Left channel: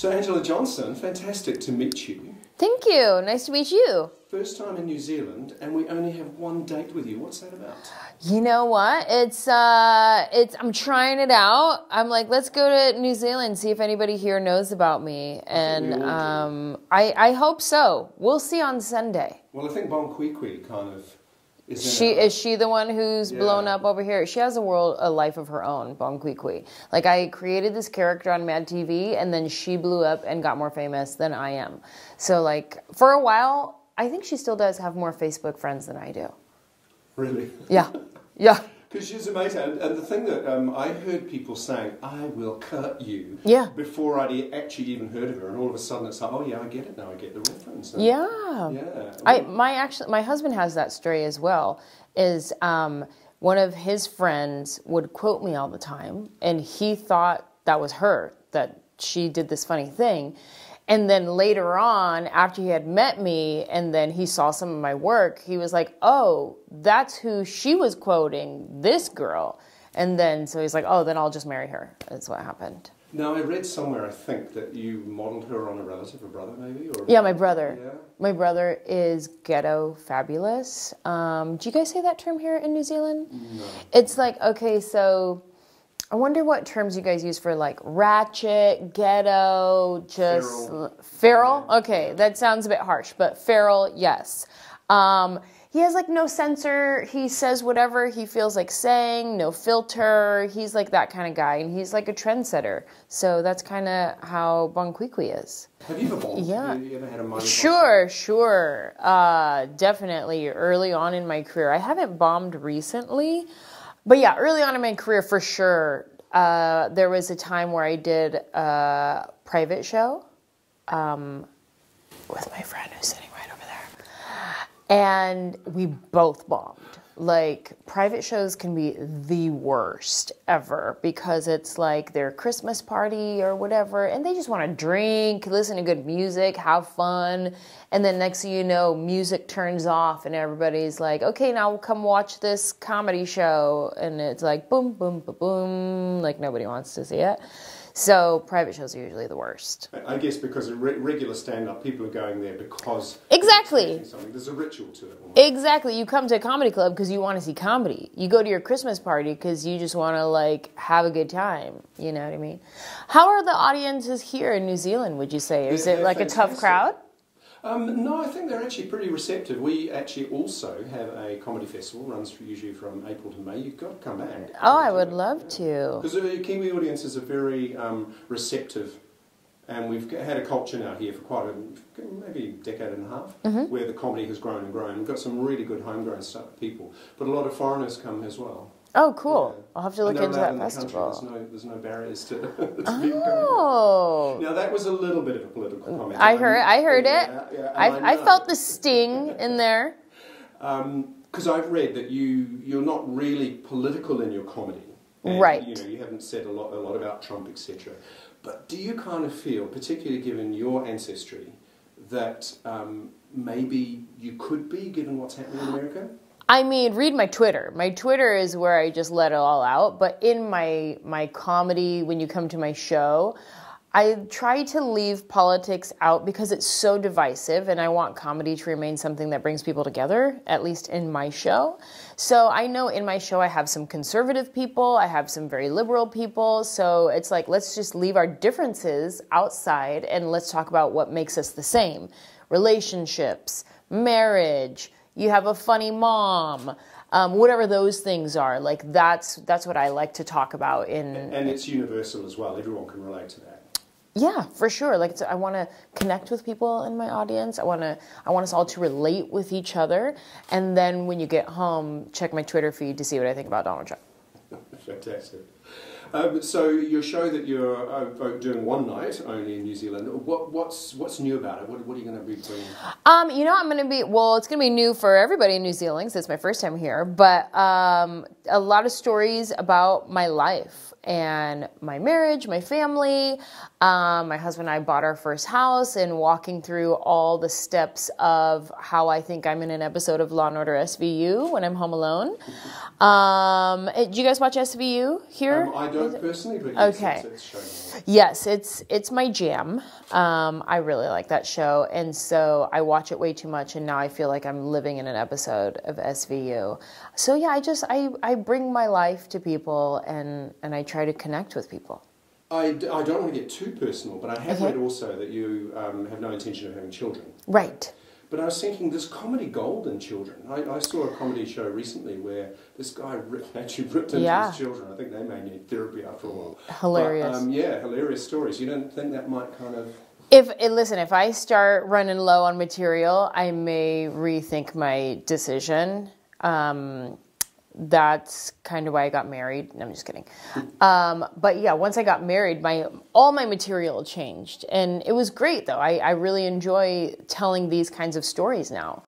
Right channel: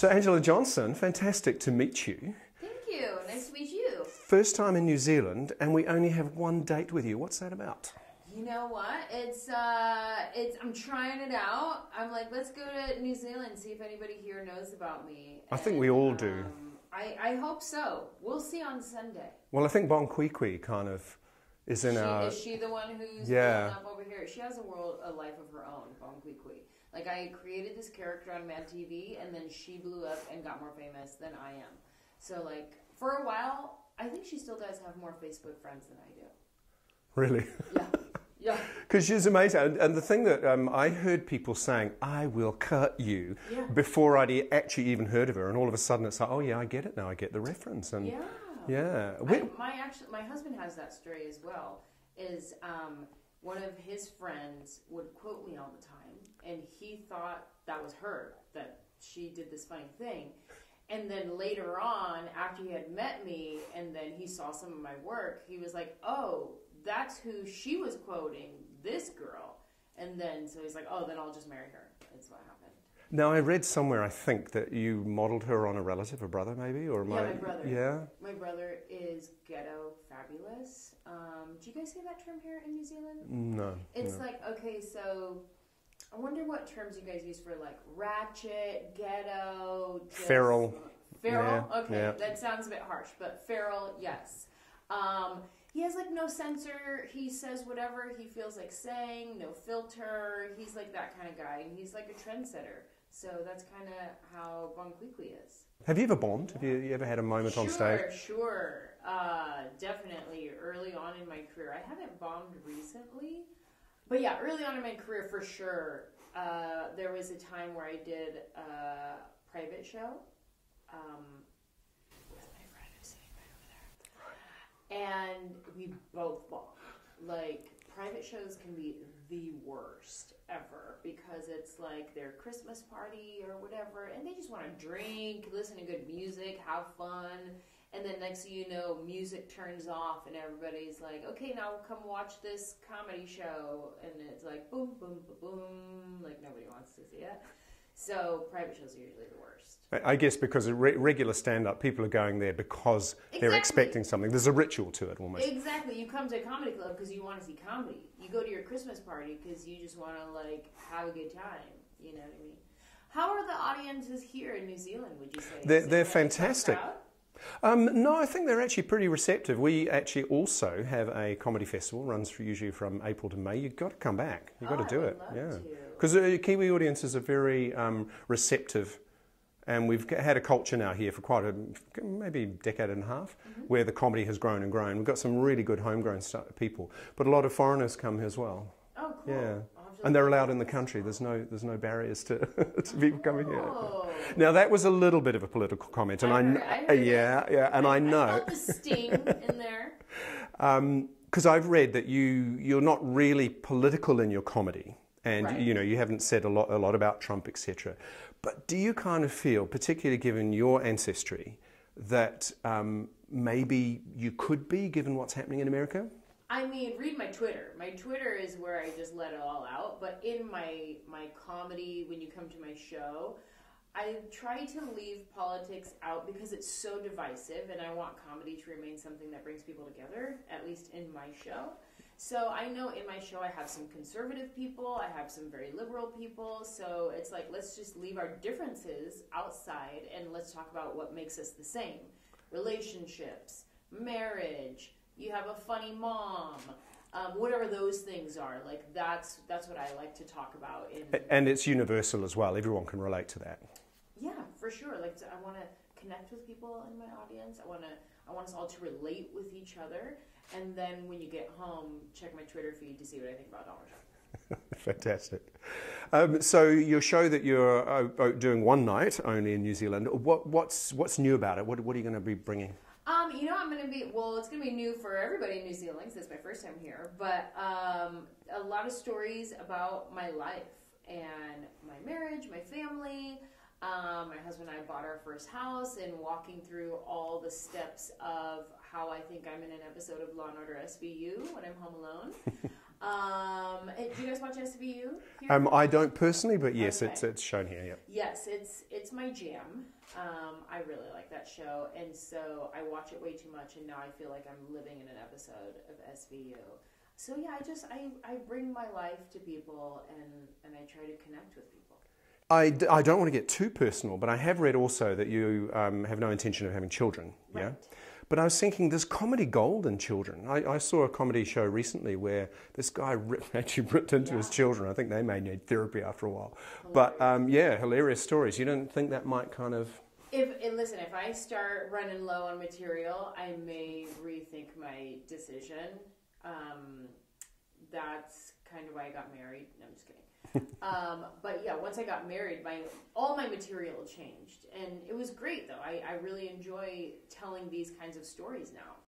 So Anjelah Johnson, fantastic to meet you. Thank you. Nice to meet you. First time in New Zealand, and we only have one date with you. What's that about? You know what? I'm trying it out. I'm like, let's go to New Zealand, see if anybody here knows about me. I think we all do. I hope so. We'll see on Sunday. Well, I think Bon Qui Qui kind of is Is she the one who's blown up over here? She has a life of her own, Bon Qui Qui. Like, I created this character on Mad TV, and then she blew up and got more famous than I am. So, like, for a while, I think she still does have more Facebook friends than I do. Really? Yeah. Yeah. Because she's amazing. And the thing that I heard people saying, I will cut you, before I'd actually even heard of her. And all of a sudden it's like, oh yeah, I get it now. I get the reference. And My husband has that story as well, is one of his friends would quote me all the time. And he thought that was her, that she did this funny thing. And then later on, after he had met me and then he saw some of my work, he was like, oh, that's who she was quoting, this girl. And then, so he's like, oh, then I'll just marry her. That's what happened. Now, I read somewhere, I think, that you modeled her on a relative, a brother maybe? Or yeah, my brother. Yeah. My brother is ghetto fabulous. Do you guys say that term here in New Zealand? No. It's like, okay, so I wonder what terms you guys use for, like, ratchet, ghetto, just... Feral. Feral? Yeah, Okay, that sounds a bit harsh, but feral, yes. He has, like, no censor. He says whatever he feels like saying, no filter. He's, like, that kind of guy, and he's, like, a trendsetter. So that's kind of how Bon Qui Qui is. Have you ever bombed? Yeah. Have you ever had a moment Sure. Definitely early on in my career. I haven't bombed recently. But yeah, early on in my career, for sure, there was a time where I did a private show with my friend who's sitting right over there. And we both bombed. Like, private shows can be the worst ever because it's like their Christmas party or whatever, and they just want to drink, listen to good music, have fun. And then next thing you know, music turns off and everybody's like, okay, now come watch this comedy show. And it's like, boom, boom, boom, boom, like nobody wants to see it. So private shows are usually the worst. I guess because regular stand-up, people are going there because they're expecting something. There's a ritual to it almost. Exactly. You come to a comedy club because you want to see comedy. You go to your Christmas party because you just want to, like, have a good time. You know what I mean? How are the audiences here in New Zealand, would you say? Is it like fantastic. A tough crowd? No, I think they're actually pretty receptive. We actually also have a comedy festival, runs usually from April to May. You've got to come back. Oh, I would love to. Because the Kiwi audiences are very receptive, and we've had a culture now here for quite maybe a decade and a half, where the comedy has grown and grown. We've got some really good homegrown people, but a lot of foreigners come as well. Oh, cool. Yeah. I'll have to look into that And they're allowed in the country. There's no barriers to people coming here. Now, that was a little bit of a political comment. I heard it. Yeah, and I felt the sting in there. Because I've read that you're not really political in your comedy. And, right. You know, you haven't said a lot about Trump, etc. But do you kind of feel, particularly given your ancestry, that maybe you could be, given what's happening in America? I mean, read my Twitter. My Twitter is where I just let it all out. But in my comedy, when you come to my show, I try to leave politics out because it's so divisive, and I want comedy to remain something that brings people together, at least in my show. So I know in my show I have some conservative people, I have some very liberal people, so it's like, let's just leave our differences outside and let's talk about what makes us the same. Relationships, marriage, you have a funny mom, whatever those things are. Like, that's what I like to talk about. And it's universal as well. Everyone can relate to that. Yeah, for sure. Like, I want to connect with people in my audience. I want us all to relate with each other. And then when you get home, check my Twitter feed to see what I think about Donald Trump. Fantastic. So your show that you're doing one night only in New Zealand, what's new about it? What are you going to be bringing? You know, it's going to be new for everybody in New Zealand since it's my first time here, but a lot of stories about my life and my marriage, my family. My husband and I bought our first house, and walking through all the steps of how I think I'm in an episode of Law & Order SVU when I'm home alone. Do you guys watch SVU? SVU here? I don't personally, but yes, Okay. it's shown here. Yes, it's my jam. I really like that show, and so I watch it way too much, and now I feel like I'm living in an episode of SVU. So yeah, I bring my life to people, and I try to connect with people. I don't want to get too personal, but I have read also that you have no intention of having children. Right. But I was thinking, there's comedy gold in children. I saw a comedy show recently where this guy actually ripped into his children. I think they may need therapy after a while. Hilarious. But, hilarious stories. You don't think that might kind of... If I start running low on material, I may rethink my decision. That's kind of why I got married. No, I'm just kidding. But yeah, once I got married, all my material changed. And it was great, though. I really enjoy telling these kinds of stories now.